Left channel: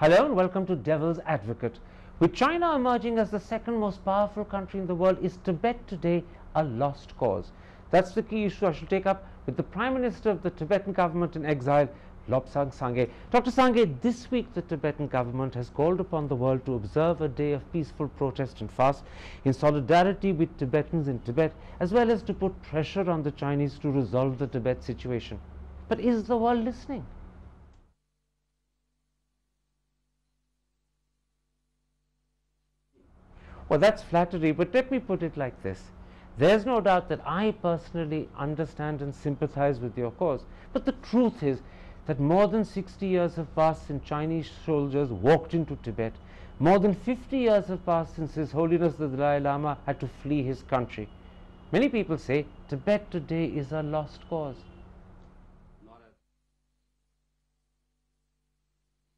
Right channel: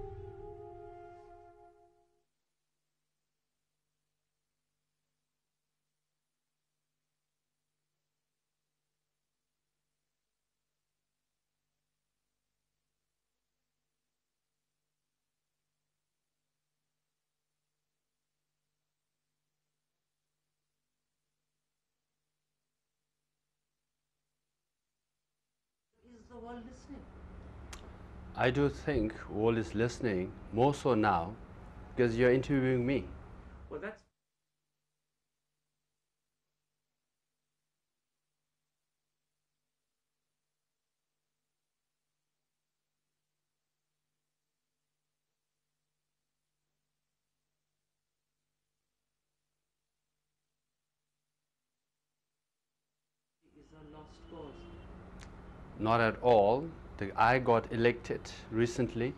Hello and welcome to Devil's Advocate. With China emerging as the second most powerful country in the world, is Tibet today a lost cause? That's the key issue I shall take up with the Prime Minister of the Tibetan government in exile, Lobsang Sangay. Dr. Sangay, this week the Tibetan government has called upon the world to observe a day of peaceful protest and fast in solidarity with Tibetans in Tibet, as well as to put pressure on the Chinese to resolve the Tibet situation. But is the world listening? I do think world is listening, more so now, because you're interviewing me. Well, that's flattery, but let me put it like this. There's no doubt that I personally understand and sympathize with your cause. But the truth is that more than 60 years have passed since Chinese soldiers walked into Tibet. More than 50 years have passed since His Holiness the Dalai Lama had to flee his country. Many people say Tibet today is a lost cause. Not at all. I got elected recently,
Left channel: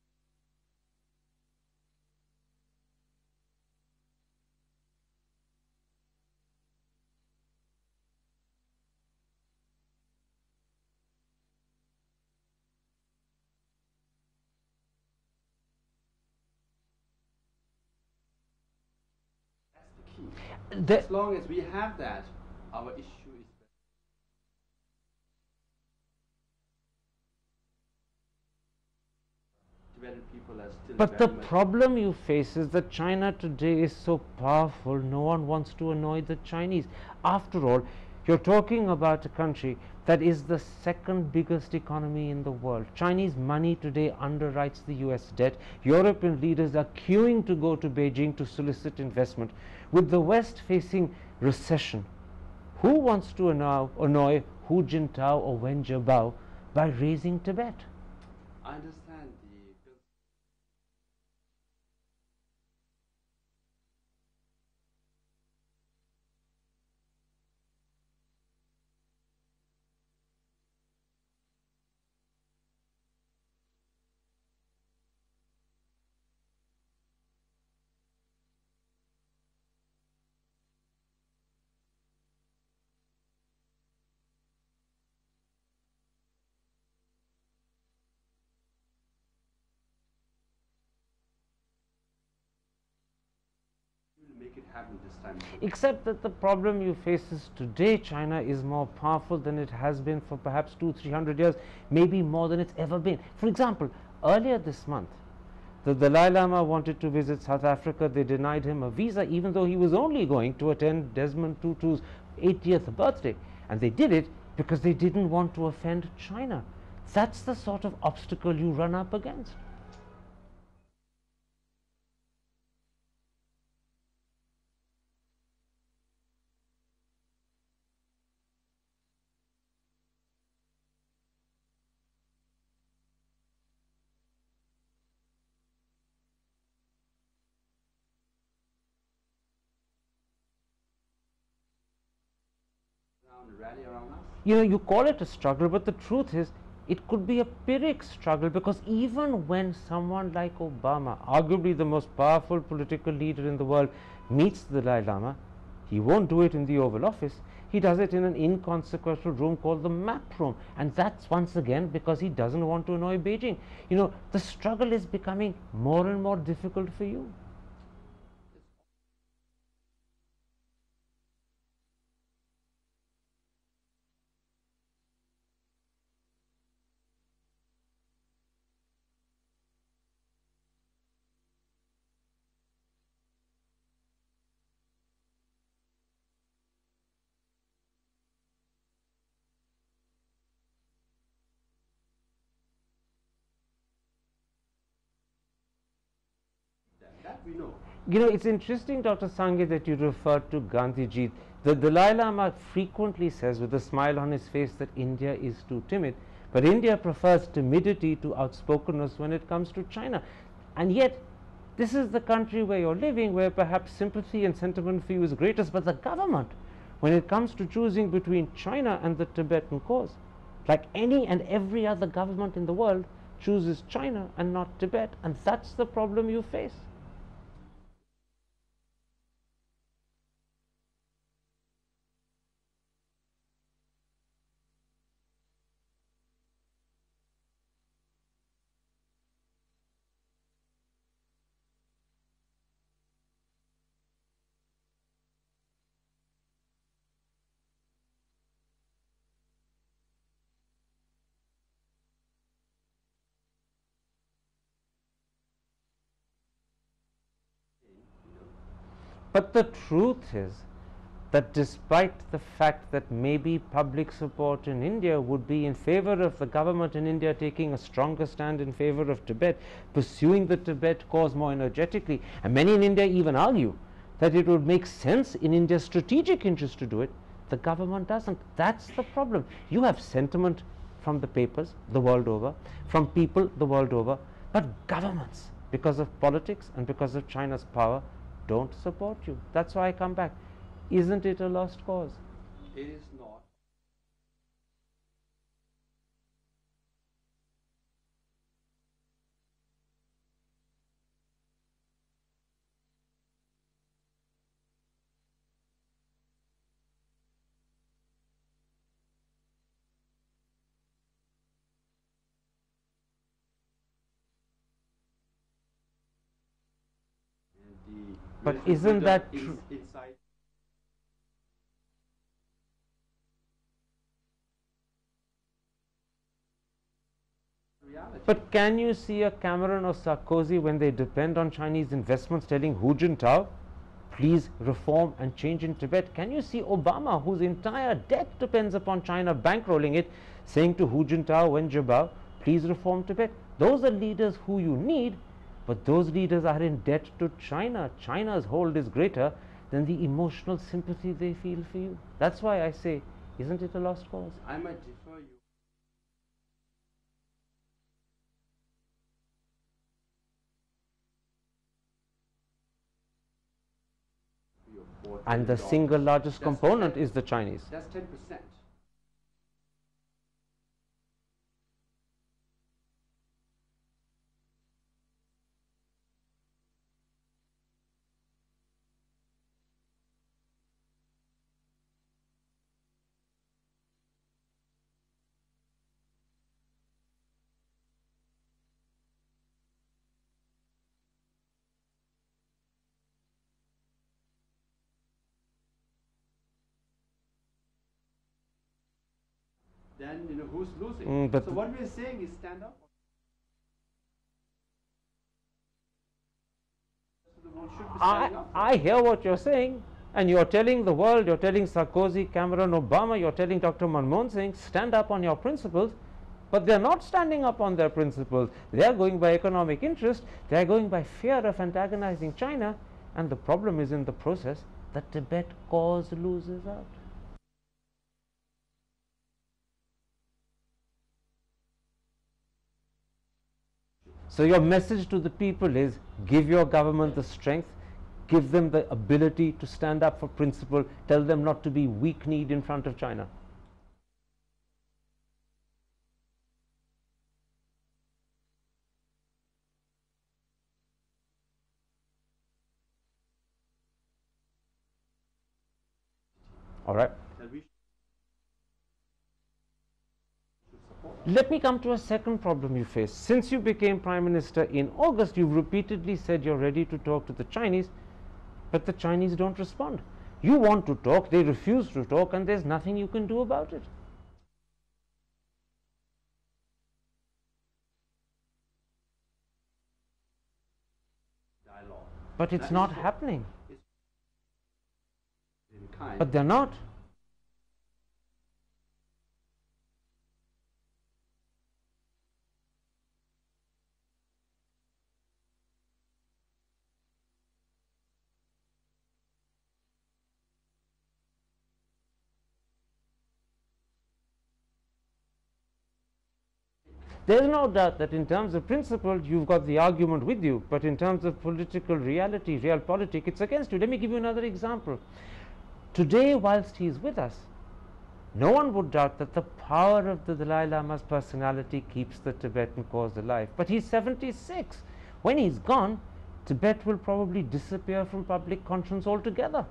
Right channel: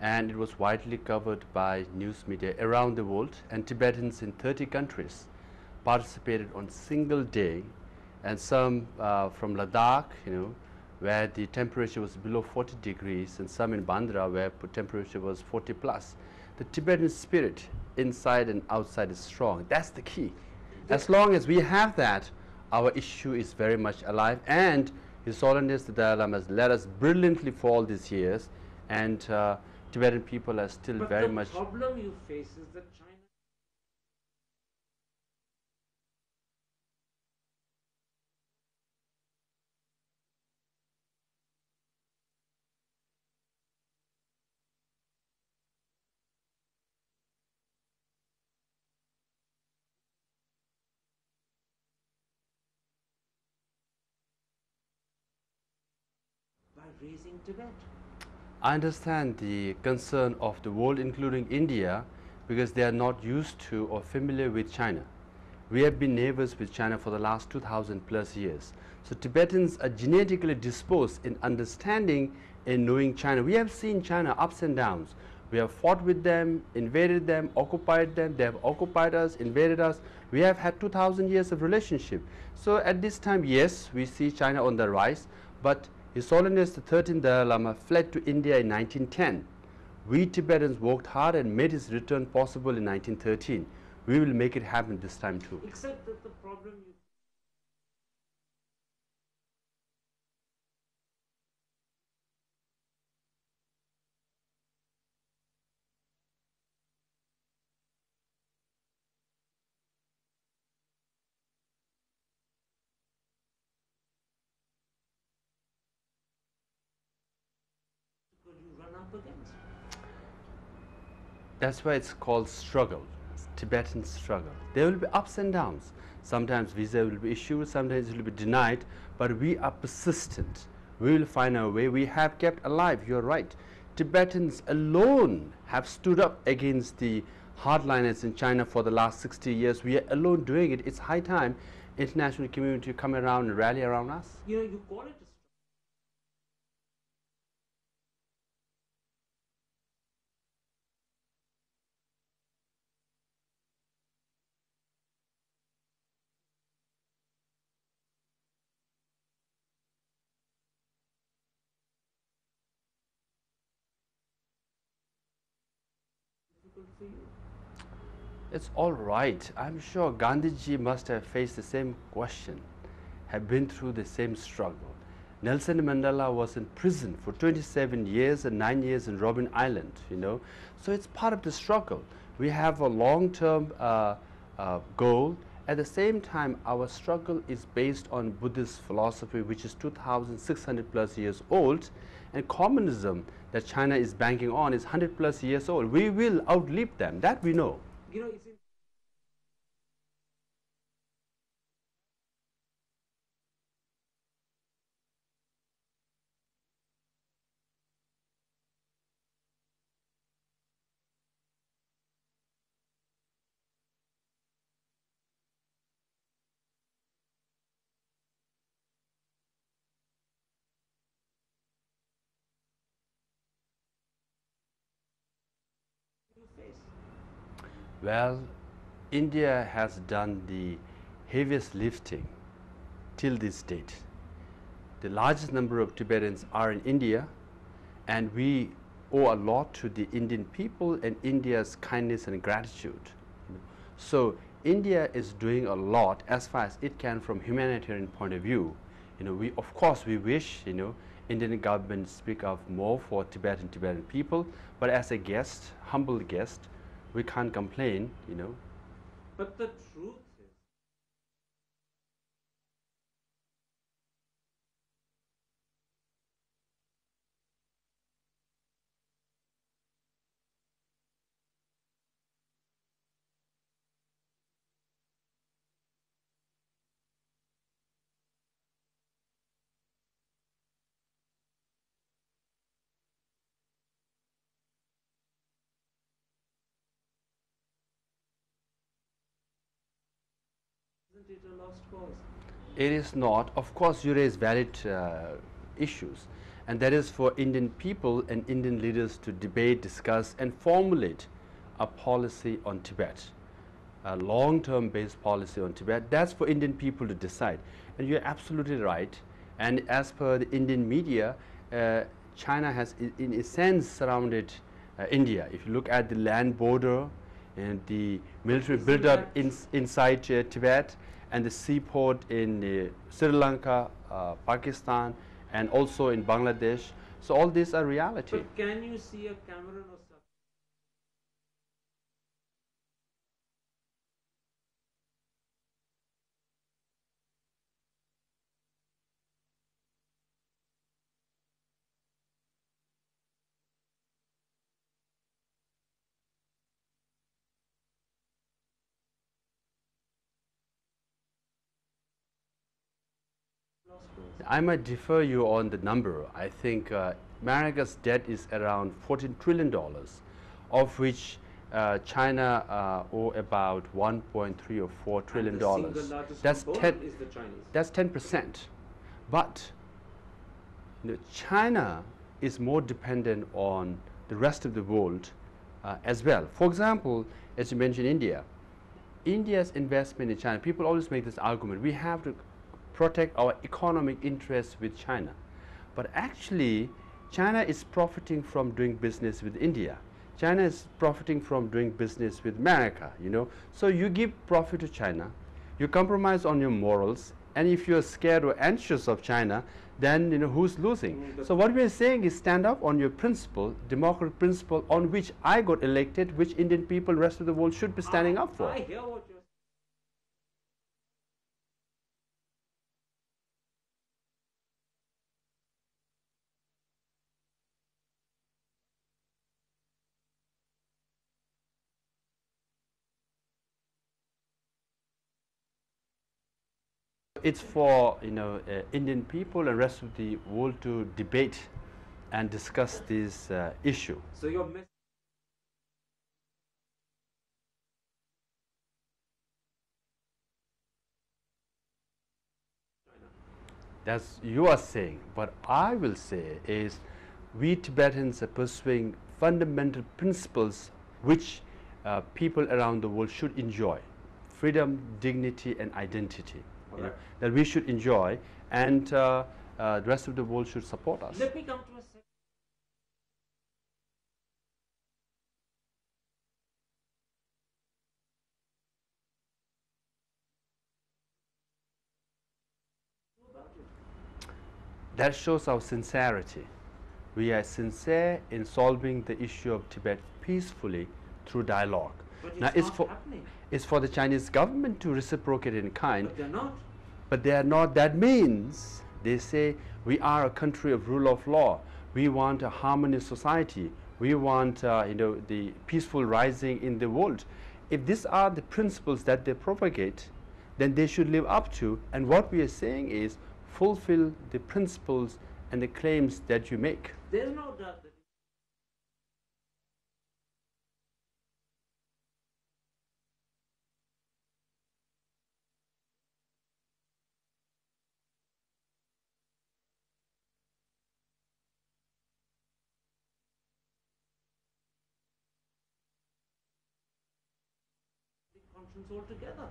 and it was widely covered by news media around the world, and Tibetans in 30 countries participated on single day, and some from Ladakh, where the temperature was below 40 degrees, and some in Bandra where temperature was 40 plus. The Tibetan spirit inside and outside is strong. That's the key. As long as we have that, our issue is very much alive, and His Holiness the Dalai Lama has led us brilliantly for all these years, and Tibetan people are still very much... But the problem you face is that China today is so powerful, no one wants to annoy the Chinese. After all, you're talking about a country that is the second biggest economy in the world. Chinese money today underwrites the US debt. European leaders are queuing to go to Beijing to solicit investment. With the West facing recession, who wants to annoy Hu Jintao or Wen Jiabao by raising Tibet? I understand the concern of the world, including India, because they are not used to or familiar with China. We have been neighbors with China for the last 2000 plus years. So Tibetans are genetically disposed in understanding and knowing China. We have seen China ups and downs. We have fought with them, invaded them, occupied them. They have occupied us, invaded us. We have had 2000 years of relationship. So at this time, yes, we see China on the rise, but His Holiness the 13th Dalai Lama fled to India in 1910. We Tibetans worked hard and made his return possible in 1913. We will make it happen this time too. Except that the problem you face is today China is more powerful than it has been for perhaps 200-300 years, maybe more than it's ever been. For example, earlier this month, the Dalai Lama wanted to visit South Africa. They denied him a visa, even though he was only going to attend Desmond Tutu's 80th birthday. And they did it because they didn't want to offend China. That's the sort of obstacle you run up against. That's why it's called struggle, Tibetan struggle. There will be ups and downs. Sometimes visa will be issued, sometimes it will be denied, but we are persistent. We will find our way. We have kept alive, you're right. Tibetans alone have stood up against the hardliners in China for the last 60 years. We are alone doing it. It's high time international community come around and rally around us. You call it a struggle, but the truth is it could be a Pyrrhic struggle, because even when someone like Obama, arguably the most powerful political leader in the world, meets the Dalai Lama, he won't do it in the Oval Office. He does it in an inconsequential room called the map room, and that's once again because he doesn't want to annoy Beijing. The struggle is becoming more and more difficult for you. It's all right. I'm sure Gandhiji must have faced the same question, have been through the same struggle. Nelson Mandela was in prison for 27 years and 9 years in Robben Island, So it's part of the struggle. We have a long-term goal. At the same time, our struggle is based on Buddhist philosophy, which is 2,600 plus years old, and communism that China is banking on is 100 plus years old. We will outlive them, that we know. It's interesting, Dr. Sangay, that you referred to Gandhiji. The Dalai Lama frequently says with a smile on his face that India is too timid, but India prefers timidity to outspokenness when it comes to China. And yet, this is the country where you're living, where perhaps sympathy and sentiment for you is greatest, but the government, when it comes to choosing between China and the Tibetan cause, like any and every other government in the world, chooses China and not Tibet, and that's the problem you face. Well, India has done the heaviest lifting till this date. The largest number of Tibetans are in India, and we owe a lot to the Indian people and India's kindness and gratitude. So India is doing a lot as far as it can from humanitarian point of view. We of course we wish Indian government speak up more for Tibetan people, but as a guest, humble guest, we can't complain. But the truth is that despite the fact that maybe public support in India would be in favor of the government in India taking a stronger stand in favor of Tibet, pursuing the Tibet cause more energetically, and many in India even argue that it would make sense in India's strategic interest to do it, the government doesn't. That's the problem. You have sentiment from the papers the world over, from people the world over, but governments, because of politics and because of China's power, don't support you. That's why I come back. Isn't it a lost cause? It is not. Of course, you raise valid issues, and that is for Indian people and Indian leaders to debate, discuss, and formulate a policy on Tibet, a long-term based policy on Tibet. That's for Indian people to decide. And you're absolutely right. And as per the Indian media, China has, in a sense, surrounded India. If you look at the land border and the military build-up inside Tibet, and the seaport in Sri Lanka, Pakistan, and also in Bangladesh. So all these are reality. But can you see a Cameron or Sarkozy, when they depend on Chinese investments, telling Hu Jintao, please reform and change in Tibet? Can you see Obama, whose entire debt depends upon China bankrolling it, saying to Hu Jintao, Wen Jiabao, please reform Tibet? Those are leaders who you need, but those leaders are in debt to China. China's hold is greater than the emotional sympathy they feel for you. That's why I say, isn't it a lost cause? I might defer you on the number. I think America's debt is around $14 trillion, of which China owe about 1.3 or 4 trillion. And the single largest component is the Chinese. That's 10%. But China is more dependent on the rest of the world as well. For example, as you mentioned, India's investment in China, people always make this argument, we have to protect our economic interests with China. But actually, China is profiting from doing business with India. China is profiting from doing business with America, So you give profit to China, you compromise on your morals, and if you're scared or anxious of China, then who's losing? So what we're saying is stand up on your principle, democratic principle on which I got elected, which Indian people, rest of the world should be standing up for. I hear what you're saying, and you're telling the world, you're telling Sarkozy, Cameron, Obama, you're telling Dr. Manmohan Singh, stand up on your principles, but they're not standing up on their principles. They're going by economic interest, they're going by fear of antagonizing China, and the problem is in the process, the Tibet cause loses out. It's for Indian people and rest of the world to debate and discuss this issue. So your message to the people is, give your government the strength, give them the ability to stand up for principle, tell them not to be weak-kneed in front of China. That's you are saying. What I will say is, we Tibetans are pursuing fundamental principles which people around the world should enjoy. Freedom, dignity, and identity. All right. That we should enjoy, and the rest of the world should support us. Let me come to a second problem you face. Since you became Prime Minister in August, you've repeatedly said you're ready to talk to the Chinese, but the Chinese don't respond. You want to talk, they refuse to talk, and there's nothing you can do about it. That shows our sincerity. We are sincere in solving the issue of Tibet peacefully through dialogue. But it's not happening. It's for the Chinese government to reciprocate in kind. But they're not. But they are not. That means they say, we are a country of rule of law. We want a harmonious society. We want the peaceful rising in the world. If these are the principles that they propagate, then they should live up to. And what we are saying is, fulfill the principles and the claims that you make. There's no doubt that in terms of principle, you've got the argument with you, but in terms of political reality, realpolitik, it's against you. Let me give you another example. Today, whilst he's with us, no one would doubt that the power of the Dalai Lama's personality keeps the Tibetan cause alive. But he's 76. When he's gone, Tibet will probably disappear from public conscience altogether.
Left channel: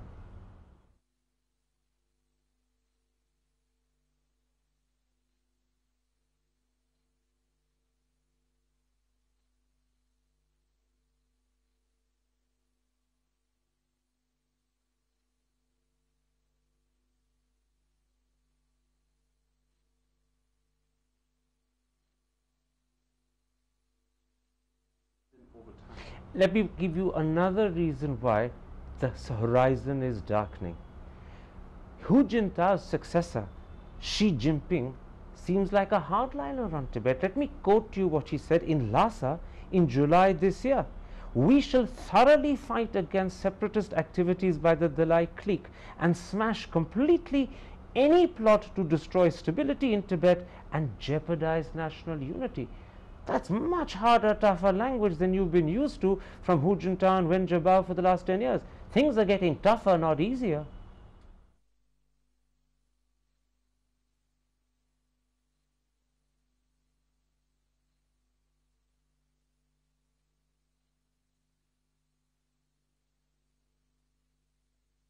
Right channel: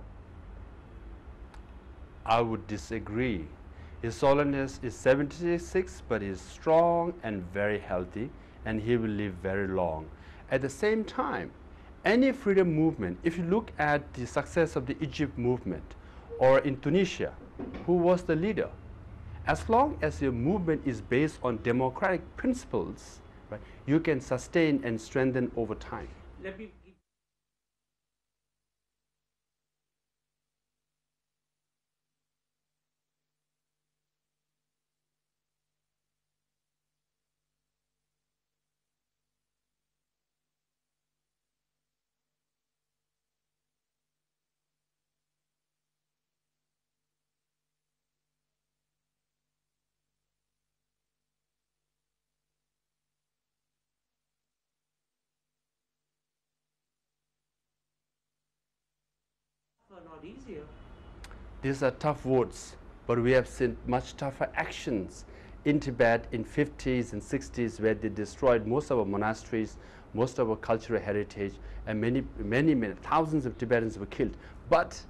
I would disagree. His Holiness is 76, but is strong and very healthy, and he will live very long. At the same time, any freedom movement, if you look at the success of the Egypt movement or in Tunisia, who was the leader? As long as your movement is based on democratic principles, right, you can sustain and strengthen over time. Let me give you another reason why the horizon is darkening. Hu Jintao's successor, Xi Jinping, seems like a hardliner on Tibet. Let me quote you what he said in Lhasa in July this year. We shall thoroughly fight against separatist activities by the Dalai clique and smash completely any plot to destroy stability in Tibet and jeopardize national unity. That's much harder, tougher language than you've been used to from Hu Jintao and Wen Jiabao for the last 10 years. Things are getting tougher, not easier. These are tough words, but we have seen much tougher actions in Tibet in 50s and 60s, where they destroyed most of our monasteries, most of our cultural heritage, and many thousands of Tibetans were killed. But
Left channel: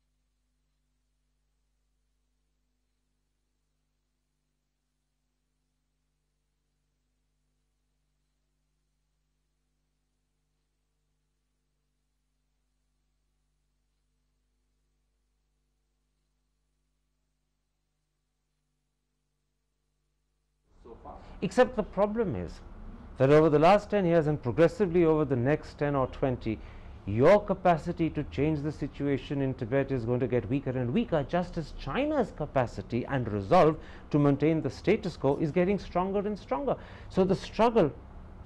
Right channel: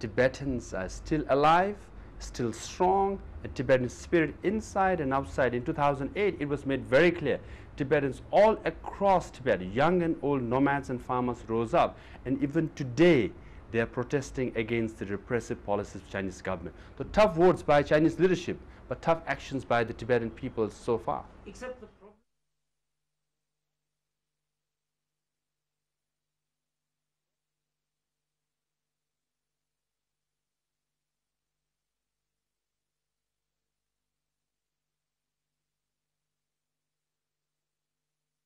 Tibetans are still alive, still strong, a Tibetan spirit inside and outside. In 2008, it was made very clear, Tibetans all across Tibet, young and old, nomads and farmers rose up, and even today they are protesting against the repressive policies of Chinese government. The tough words by Chinese leadership, but tough actions by the Tibetan people so far. Except the problem is that over the last 10 years and progressively over the next 10 or 20, your capacity to change the situation in Tibet is going to get weaker and weaker, just as China's capacity and resolve to maintain the status quo is getting stronger and stronger. So the struggle,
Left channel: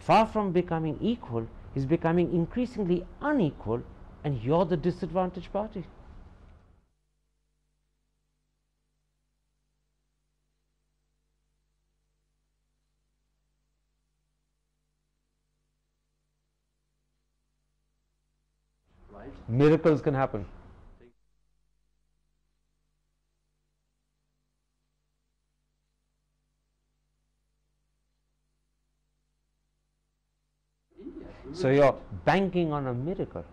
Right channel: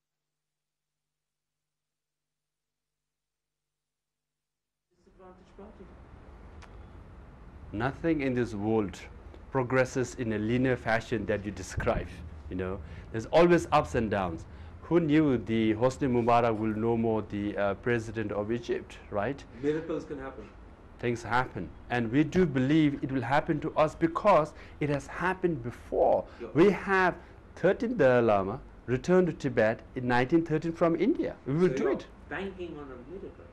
far from becoming equal, is becoming increasingly unequal, and you're the disadvantaged party. Nothing in this world progresses in a linear fashion that you describe. You know, there's always ups and downs. Who knew the Hosni Mubarak will no more the president of Egypt, right? Miracles can happen. Things happen, and we do believe it will happen to us because it has happened before. We have 13th Dalai Lama returned to Tibet in 1913 from India. So you're banking on a miracle.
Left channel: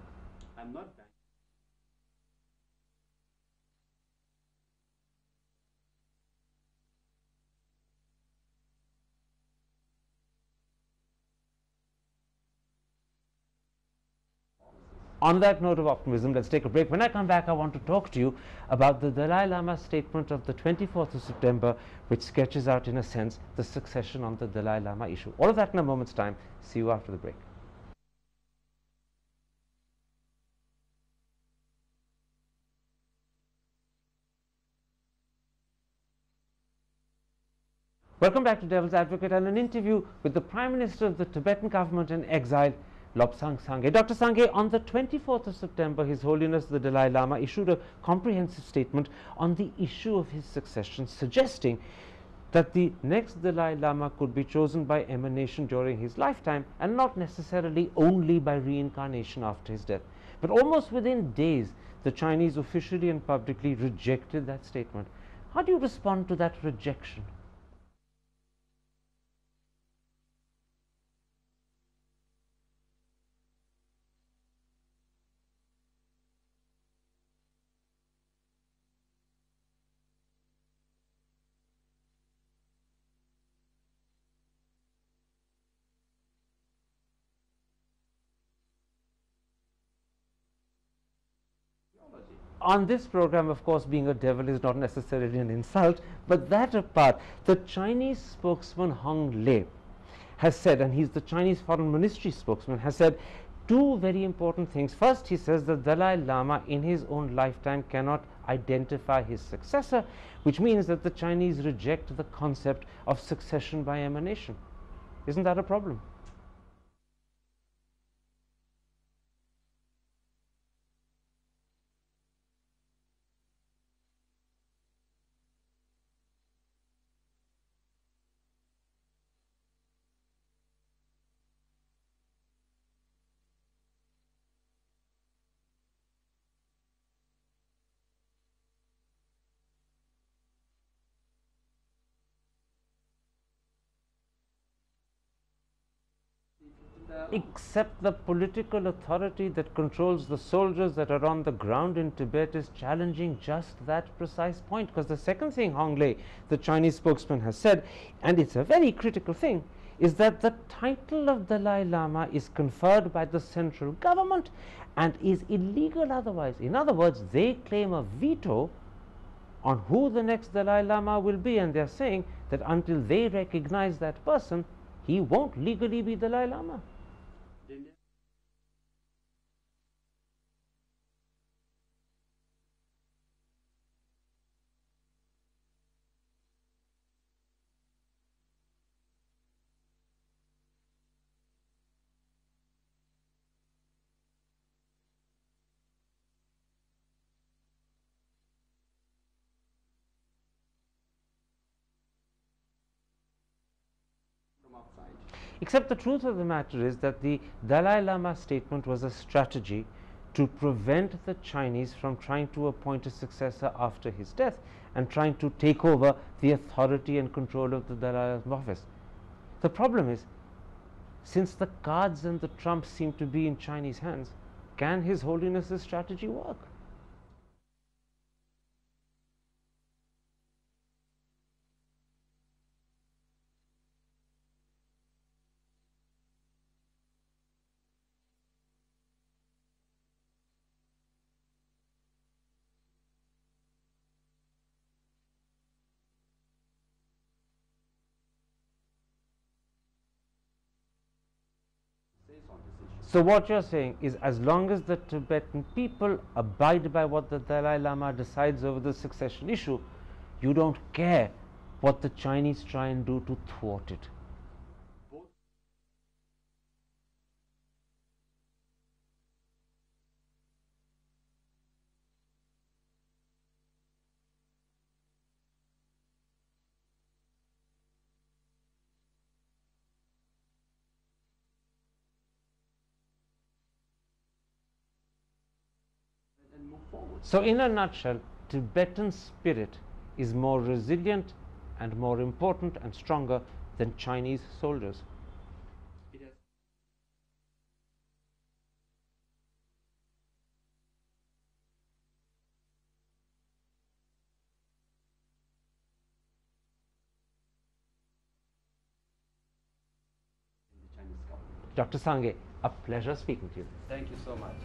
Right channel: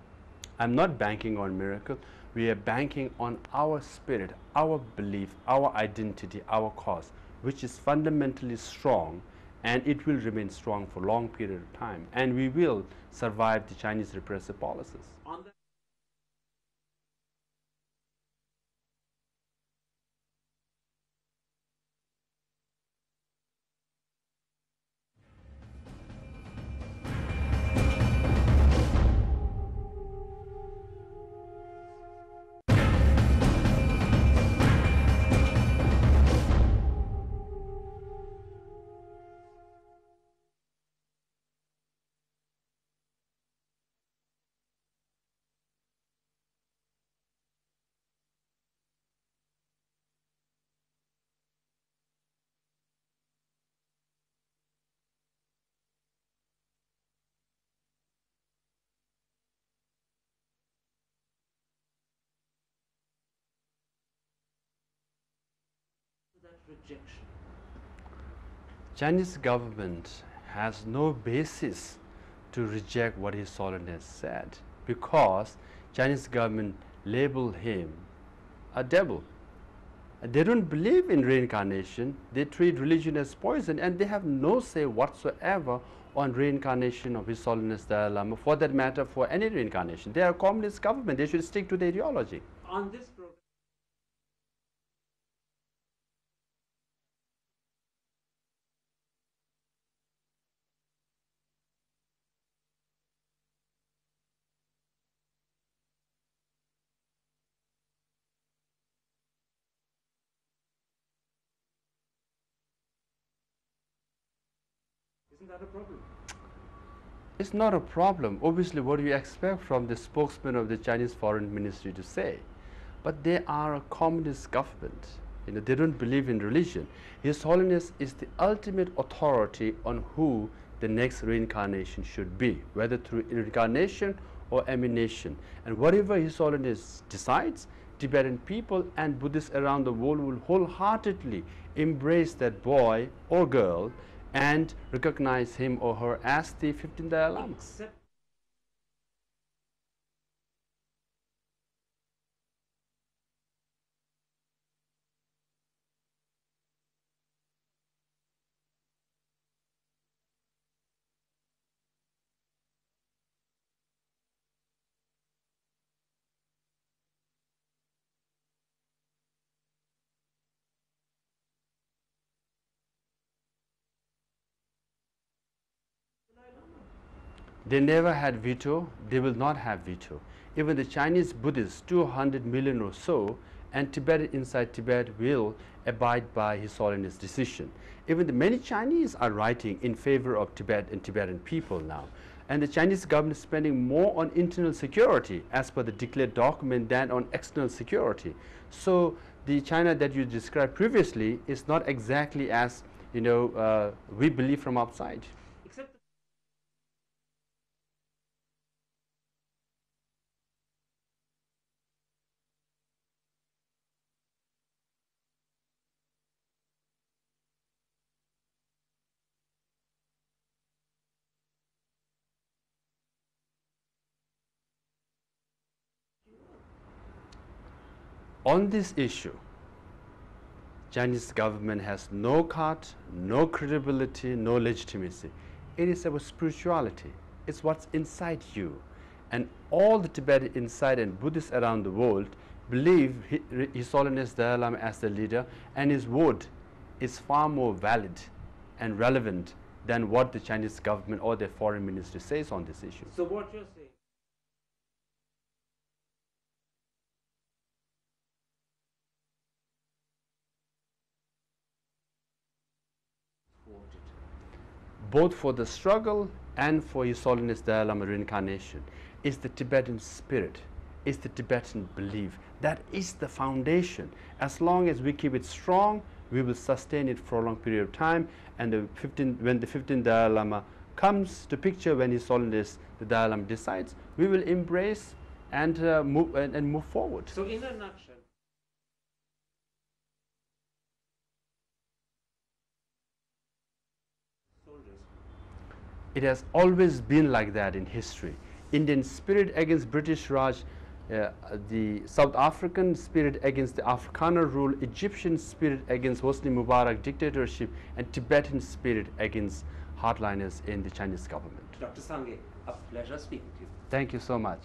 I'm not banking on miracle. We are banking on our spirit, our belief, our identity, our cause, which is fundamentally strong, and it will remain strong for a long period of time, and we will survive the Chinese repressive policies. On that note of optimism, let's take a break. When I come back, I want to talk to you about the Dalai Lama's statement of the 24th of September, which sketches out, in a sense, the succession on the Dalai Lama issue. All of that in a moment's time. See you after the break. Welcome back to Devil's Advocate and an interview with the Prime Minister of the Tibetan government in exile, Lobsang Sangay. Dr. Sangay, on the 24th of September, His Holiness the Dalai Lama issued a comprehensive statement on the issue of his succession, suggesting that the next Dalai Lama could be chosen by emanation during his lifetime and not necessarily only by reincarnation after his death. But almost within days, the Chinese officially and publicly rejected that statement. How do you respond to that rejection? Chinese government has no basis to reject what His Holiness said, because Chinese government labeled him a devil. They don't believe in reincarnation. They treat religion as poison, and they have no say whatsoever on reincarnation of His Holiness Dalai Lama, for that matter, for any reincarnation. They are a communist government. They should stick to their ideology. On this program, of course, being a devil is not necessarily an insult, but that apart, the Chinese spokesman Hong Lei has said, and he's the Chinese Foreign Ministry spokesman, has said two very important things. First, he says that Dalai Lama in his own lifetime cannot identify his successor, which means that the Chinese reject the concept of succession by emanation. Isn't that a problem? It's not a problem. Obviously, what do you expect from the spokesman of the Chinese Foreign Ministry to say? But they are a communist government. You know, they don't believe in religion. His Holiness is the ultimate authority on who the next reincarnation should be, whether through reincarnation or emanation. And whatever His Holiness decides, Tibetan people and Buddhists around the world will wholeheartedly embrace that boy or girl and recognize him or her as the 15th Dalai Lama. Except the political authority that controls the soldiers that are on the ground in Tibet is challenging just that precise point. Because the second thing Hong Lei, the Chinese spokesman, has said, and it's a very critical thing, is that the title of Dalai Lama is conferred by the central government and is illegal otherwise. In other words, they claim a veto on who the next Dalai Lama will be, and they are saying that until they recognize that person, he won't legally be Dalai Lama. They never had veto, they will not have veto. Even the Chinese Buddhists, 200 million or so, and Tibet inside Tibet will abide by His Holiness' decision. Even the many Chinese are writing in favor of Tibet and Tibetan people now. And the Chinese government is spending more on internal security as per the declared document than on external security. So the China that you described previously is not exactly as we believe from outside. Except the truth of the matter is that the Dalai Lama statement was a strategy to prevent the Chinese from trying to appoint a successor after his death and trying to take over the authority and control of the Dalai Lama's office. The problem is, since the cards and the trumps seem to be in Chinese hands, can His Holiness's strategy work? On this issue, Chinese government has no card, no credibility, no legitimacy. It is about spirituality. It's what's inside you. And all the Tibetan inside and Buddhists around the world believe His Holiness Dalai Lama as the leader, and his word is far more valid and relevant than what the Chinese government or their foreign ministry says on this issue. So what you're saying is, as long as the Tibetan people abide by what the Dalai Lama decides over the succession issue, you don't care what the Chinese try and do to thwart it. Both for the struggle and for His Holiness Dalai Lama reincarnation is the Tibetan spirit, is the Tibetan belief. That is the foundation. As long as we keep it strong, we will sustain it for a long period of time. And when the 15th Dalai Lama comes to picture, when His Holiness the Dalai Lama decides, we will embrace and move forward. So in a nutshell, Tibetan spirit is more resilient and more important and stronger than Chinese soldiers. It has always been like that in history. Indian spirit against British Raj, the South African spirit against the Afrikaner rule, Egyptian spirit against Hosni Mubarak dictatorship, and Tibetan spirit against hardliners in the Chinese government. Dr. Sangay, a pleasure speaking to you. Thank you so much.